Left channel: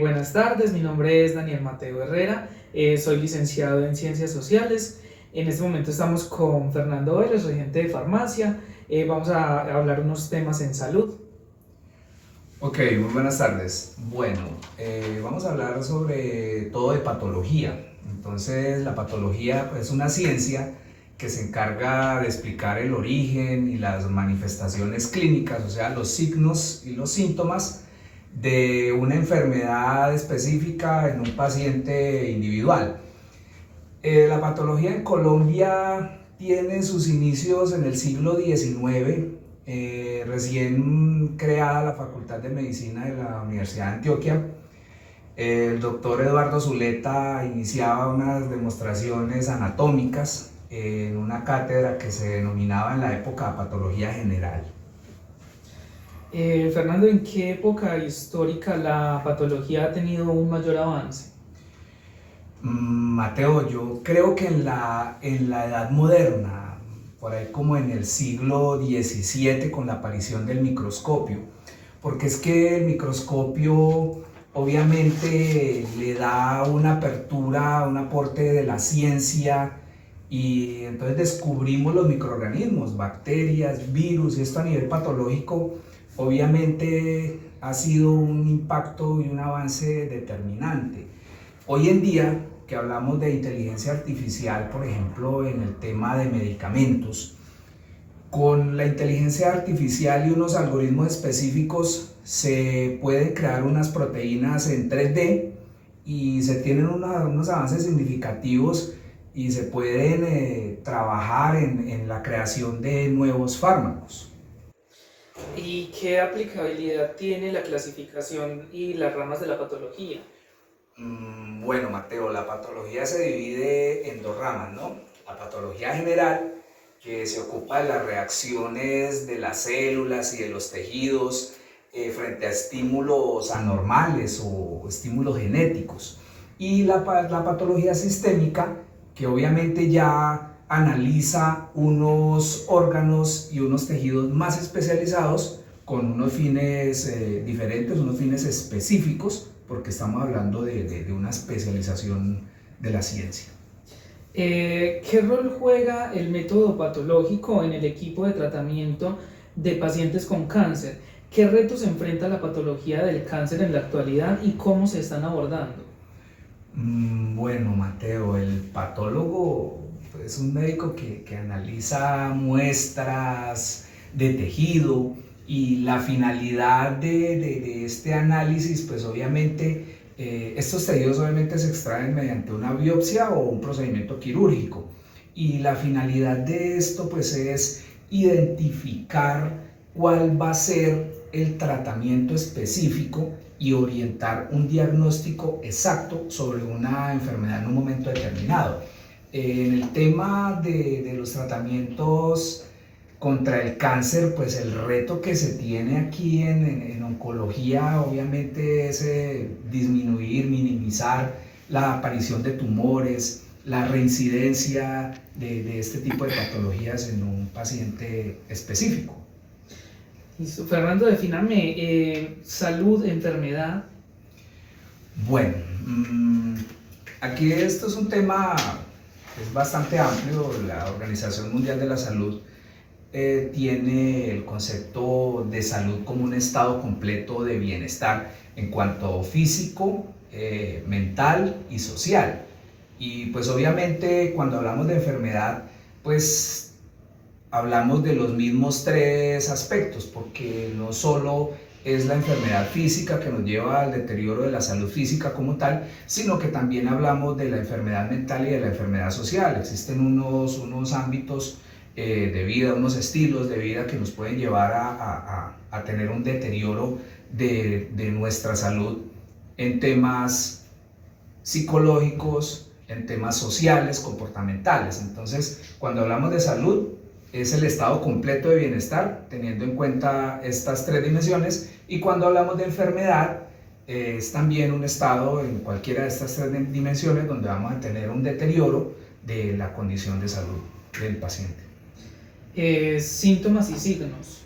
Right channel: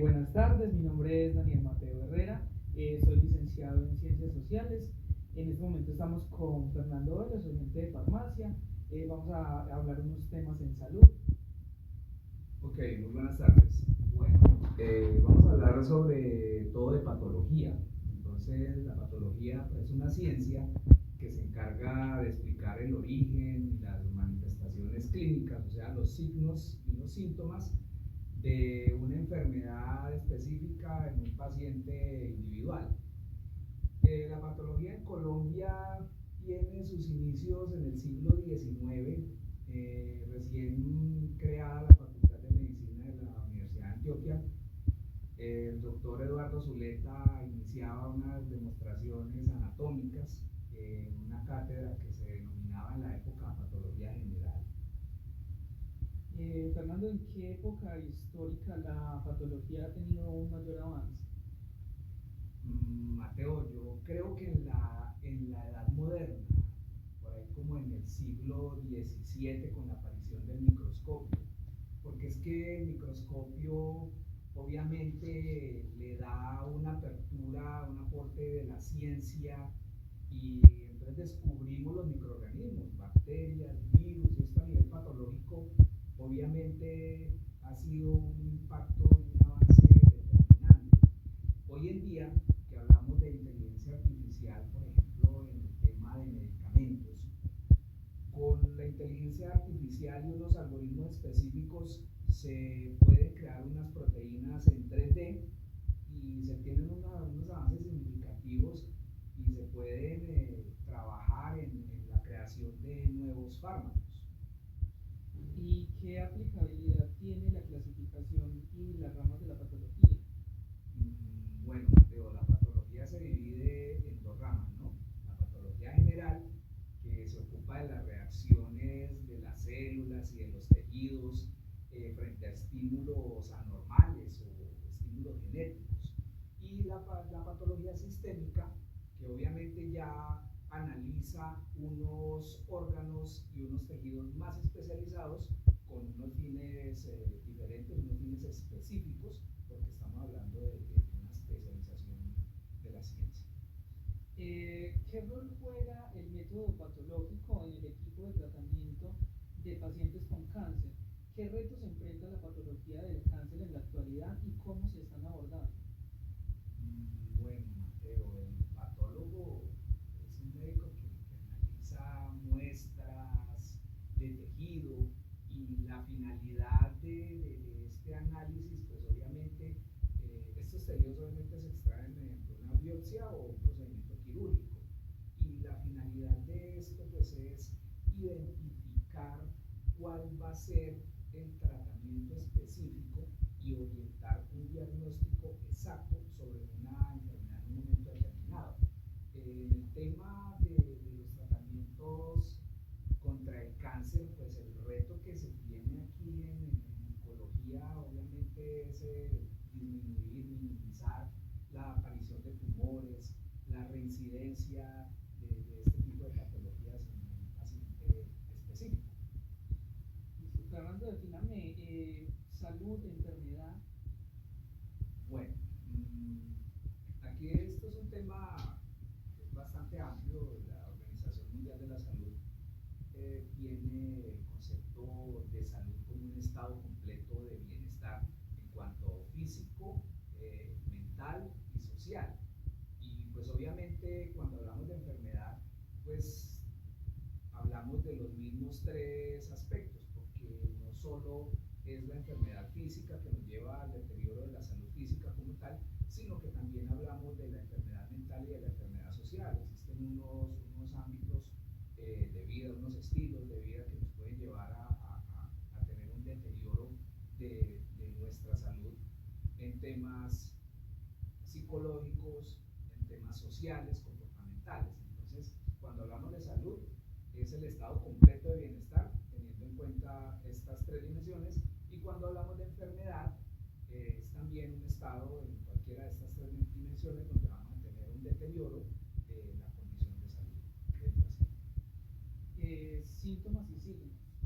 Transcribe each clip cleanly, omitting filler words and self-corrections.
Buenas tardes, mi nombre es Daniel Mateo Herrera, soy licenciado en Ciencias Sociales. En este momento estamos con Fernando Vélez, regente de farmacia. Vamos a hablar unos temas en salud. Ok, muy buenas tardes. Bueno, vamos a hablar sobre todo de patología. Entonces, la patología es una ciencia que se encarga de explicar el origen y las manifestaciones clínicas, o sea, los signos y los síntomas de una enfermedad específica en un paciente individual. La patología en Colombia tiene sus inicios en el siglo XIX, recién creada la Facultad de Medicina de la Universidad de Antioquia. El doctor Eduardo Zuleta iniciaba unas demostraciones anatómicas en una cátedra que se denominaba en la época Patología General. Fernando, ¿en qué época histórica la patología ha tenido un mayor avance? Mateo, yo creo que en la edad moderna, por ahí como en el siglo XVII, con la aparición del microscopio, porque es que el microscopio obviamente le da una apertura, un aporte de la ciencia, y entonces descubrimos los microorganismos, bacterias, virus, y esto a nivel patológico obviamente ha sido un impacto y un avance determinante. Hoy en día, que hablamos de inteligencia artificial, por ejemplo, en el tema de medicamentos, con la inteligencia artificial y unos algoritmos específicos se pueden crear unas proteínas en 3D y se tienen unos avances significativos y se pueden trabajar en la creación de nuevos fármacos. ¿Y qué aplicabilidad tiene la clasificación y las ramas de la patología? Bueno, Mateo, la patología se divide en dos ramas, ¿no? La patología general, que se ocupa de las reacciones de las células y de los tejidos frente a estímulos anormales o estímulos genéticos. Y la patología sistémica, que obviamente ya analiza unos órganos y unos tejidos más especializados con unos fines diferentes, unos fines específicos, porque estamos hablando de una especialización de la ciencia. ¿Qué rol juega el método patológico en el equipo de tratamiento de pacientes con cáncer? ¿Qué retos enfrenta la patología del cáncer en la actualidad y cómo se están abordando? Bueno, Mateo, el patólogo es un médico que analiza muestras de tejido, y la finalidad de este análisis, pues obviamente, estos tejidos obviamente se extraen mediante una biopsia o un procedimiento quirúrgico, y la finalidad de esto pues es identificar cuál va a ser el tratamiento específico y orientar un diagnóstico exacto sobre una enfermedad en un momento determinado. En el tema de los tratamientos contra el cáncer, pues el reto que se tiene aquí en oncología obviamente es disminuir, minimizar la aparición de tumores, la reincidencia de este tipo de patologías en un paciente específico. Listo. Fernando, defíname salud, enfermedad. Bueno, aquí esto es un tema que es bastante amplio. La Organización Mundial de la Salud tiene el concepto de salud como un estado completo de bienestar en cuanto físico, mental y social. Y pues obviamente cuando hablamos de enfermedad, pues hablamos de los mismos tres aspectos, porque no solo es la enfermedad física que nos lleva al deterioro de la salud física como tal, sino que también hablamos de la enfermedad mental y de la enfermedad social. Existen unos ámbitos de vida, unos estilos de vida que nos pueden llevar a tener un deterioro de nuestra salud en temas psicológicos, en temas sociales, comportamentales. Entonces, cuando hablamos de salud, es el estado completo de bienestar, teniendo en cuenta estas tres dimensiones, y cuando hablamos de enfermedad, es también un estado en cualquiera de estas tres dimensiones donde vamos a tener un deterioro de la condición de salud del paciente. Síntomas y signos.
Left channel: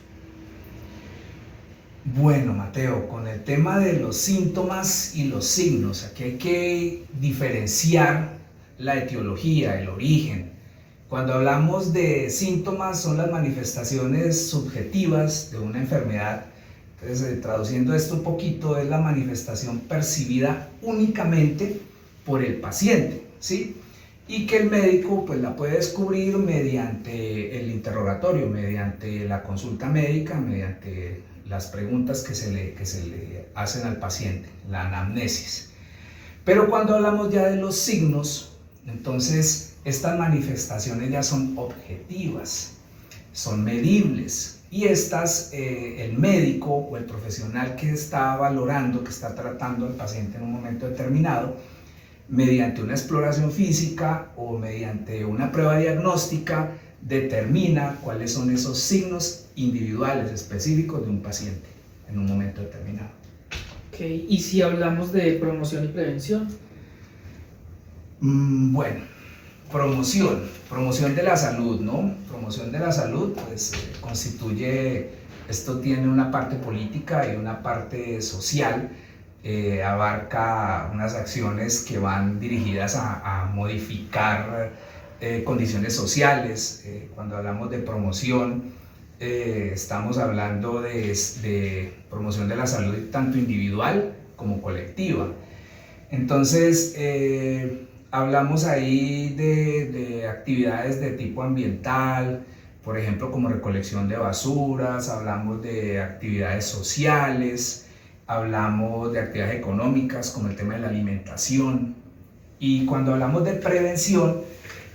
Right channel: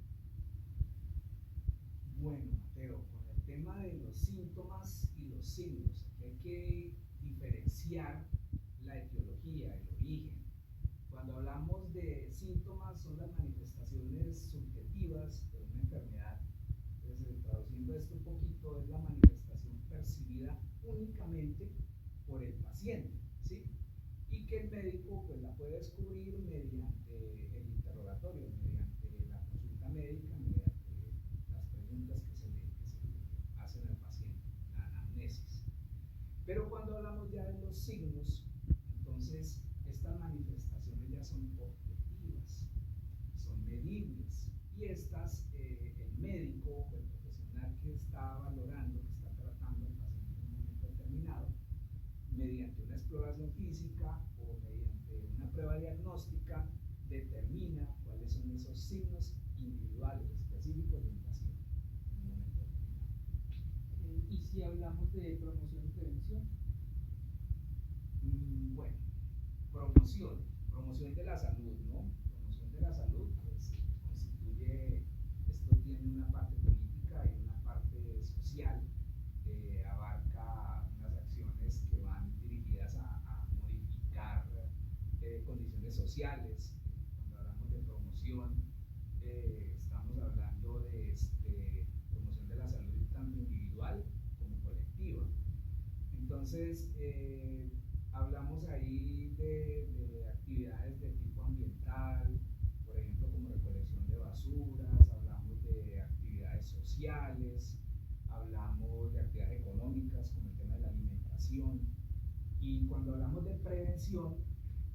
Bueno, Mateo, con el tema de los síntomas y los signos, aquí hay que diferenciar la etiología, el origen. Cuando hablamos de síntomas son las manifestaciones subjetivas de una enfermedad. Entonces, traduciendo esto un poquito, es la manifestación percibida únicamente por el paciente, ¿sí? Y que el médico pues la puede descubrir mediante el interrogatorio, mediante la consulta médica, mediante las preguntas que se le hacen al paciente, la anamnesis. Pero cuando hablamos ya de los signos, entonces estas manifestaciones ya son objetivas, son medibles, y estas el médico o el profesional que está valorando, que está tratando al paciente en un momento determinado, mediante una exploración física o mediante una prueba diagnóstica, determina cuáles son esos signos individuales específicos de un paciente en un momento determinado. Okay. ¿Y si hablamos de promoción y prevención? Bueno, promoción de la salud, ¿no? Promoción de la salud, pues constituye, esto tiene una parte política y una parte social. Abarca unas acciones que van dirigidas a modificar condiciones sociales. Cuando hablamos de promoción, estamos hablando de promoción de la salud tanto individual como colectiva. Entonces, hablamos ahí de actividades de tipo ambiental, por ejemplo, como recolección de basuras, hablamos de actividades sociales, hablamos de actividades económicas como el tema de la alimentación. Y cuando hablamos de prevención,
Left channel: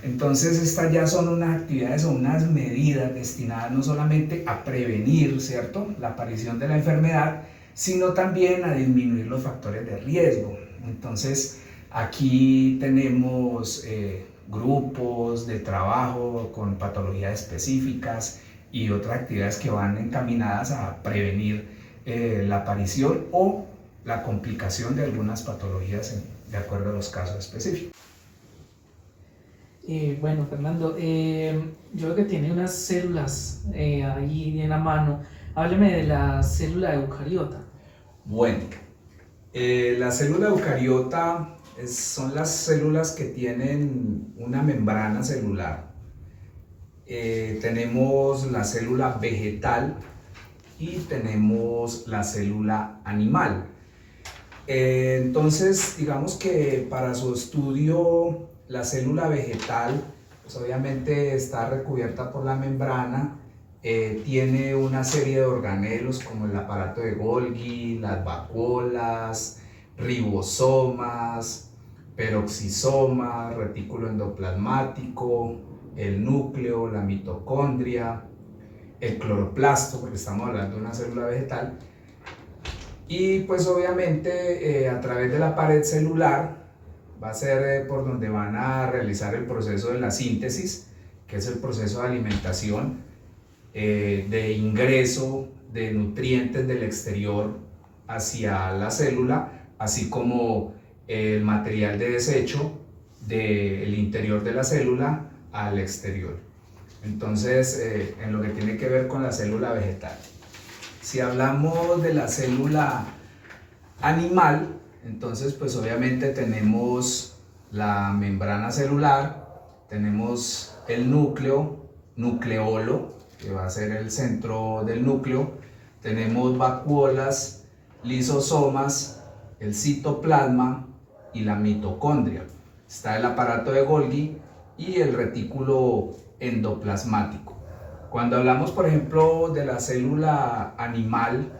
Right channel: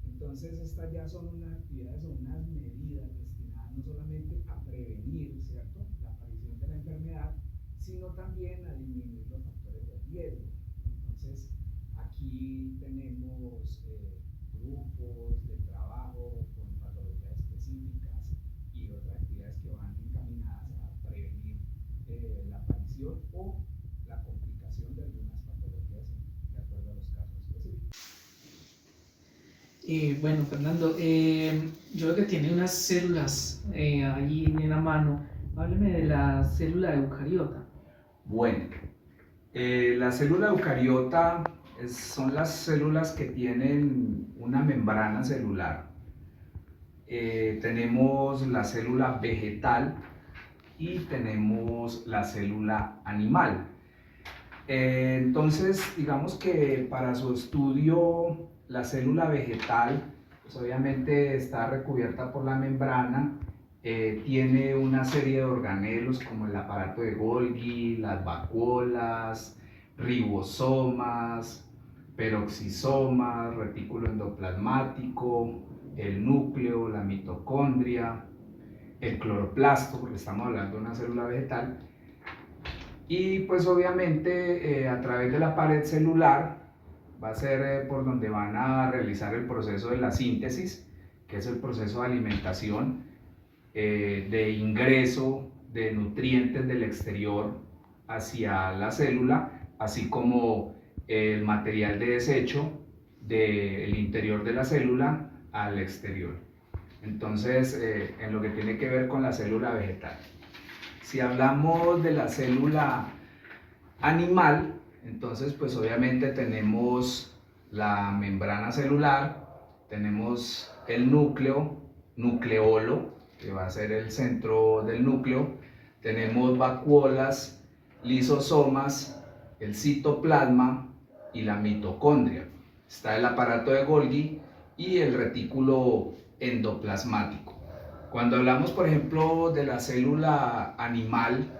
entonces estas ya son unas actividades o unas medidas destinadas no solamente a prevenir, ¿cierto?, la aparición de la enfermedad, sino también a disminuir los factores de riesgo. Entonces aquí tenemos grupos de trabajo con patologías específicas y otras actividades que van encaminadas a prevenir la aparición o la complicación de algunas patologías de acuerdo a los casos específicos. Bueno, Fernando, yo creo que tiene unas células ahí en la mano. Hábleme de la célula eucariota. Bueno, la célula eucariota son las células que tienen una membrana celular. Tenemos la célula vegetal y tenemos la célula animal. Entonces, digamos que para su estudio, la célula vegetal, pues obviamente está recubierta por la membrana, tiene una serie de organelos como el aparato de Golgi, las vacuolas, ribosomas, peroxisomas, retículo endoplasmático, el núcleo, la mitocondria, el cloroplasto, porque estamos hablando de una célula vegetal, y pues obviamente a través de la pared celular va a ser por donde van a realizar el proceso de la síntesis, que es el proceso de alimentación, de ingreso de nutrientes del exterior hacia la célula, así como el material de desecho del interior de la célula al exterior. Entonces, en lo que tiene que ver con la célula vegetal. Si hablamos de la célula animal, entonces pues obviamente tenemos la membrana celular, tenemos el núcleo, nucleolo, que va a ser el centro del núcleo, tenemos vacuolas, lisosomas, el citoplasma y la mitocondria. Está el aparato de Golgi y el retículo endoplasmático. Cuando hablamos, por ejemplo, de la célula animal,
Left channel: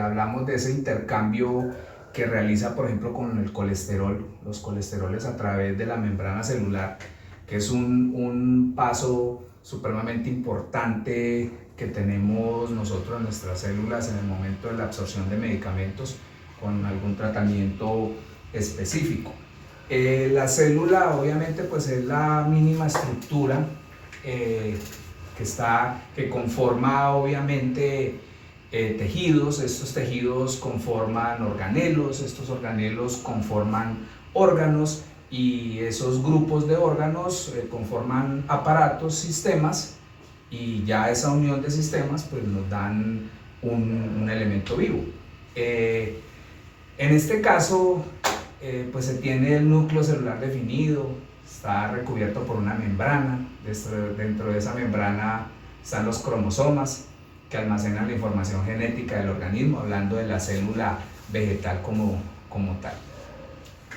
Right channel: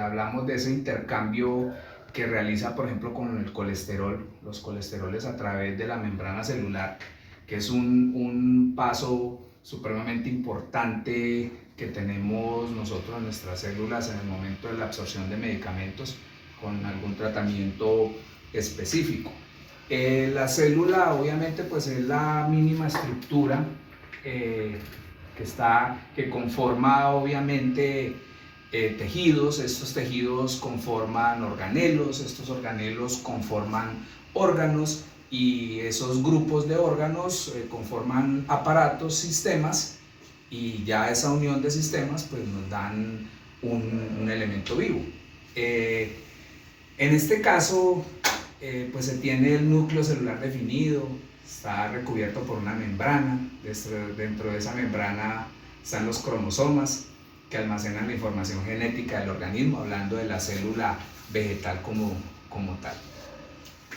hablamos de ese intercambio que realiza, por ejemplo, con el colesterol, los colesteroles a través de la membrana celular, que es un paso supremamente importante que tenemos nosotros en nuestras células en el momento de la absorción de medicamentos con algún tratamiento específico. La célula obviamente pues es la mínima estructura que conforma obviamente tejidos. Estos tejidos conforman organelos, estos organelos conforman órganos y esos grupos de órganos conforman aparatos, sistemas, y ya esa unión de sistemas pues nos dan un elemento vivo. En este caso, pues se tiene el núcleo celular definido, está recubierto por una membrana. Dentro de esa membrana están los cromosomas que almacenan la información genética del organismo, hablando de la célula vegetal como tal.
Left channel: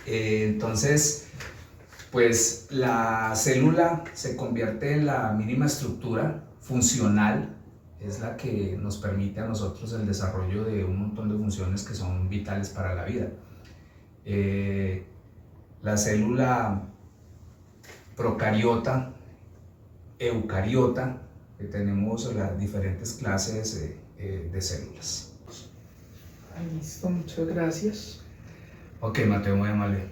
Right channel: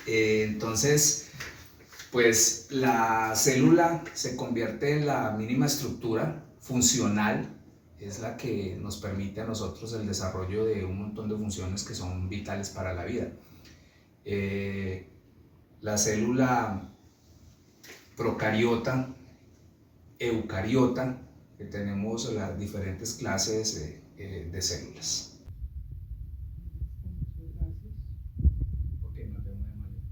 Entonces, pues la célula se convierte en la mínima estructura funcional, es la que nos permite a nosotros el desarrollo de un montón de funciones que son vitales para la vida. La célula procariota, eucariota, tenemos las diferentes clases de células. Listo, muchas gracias. Ok, Mateo, muy amable.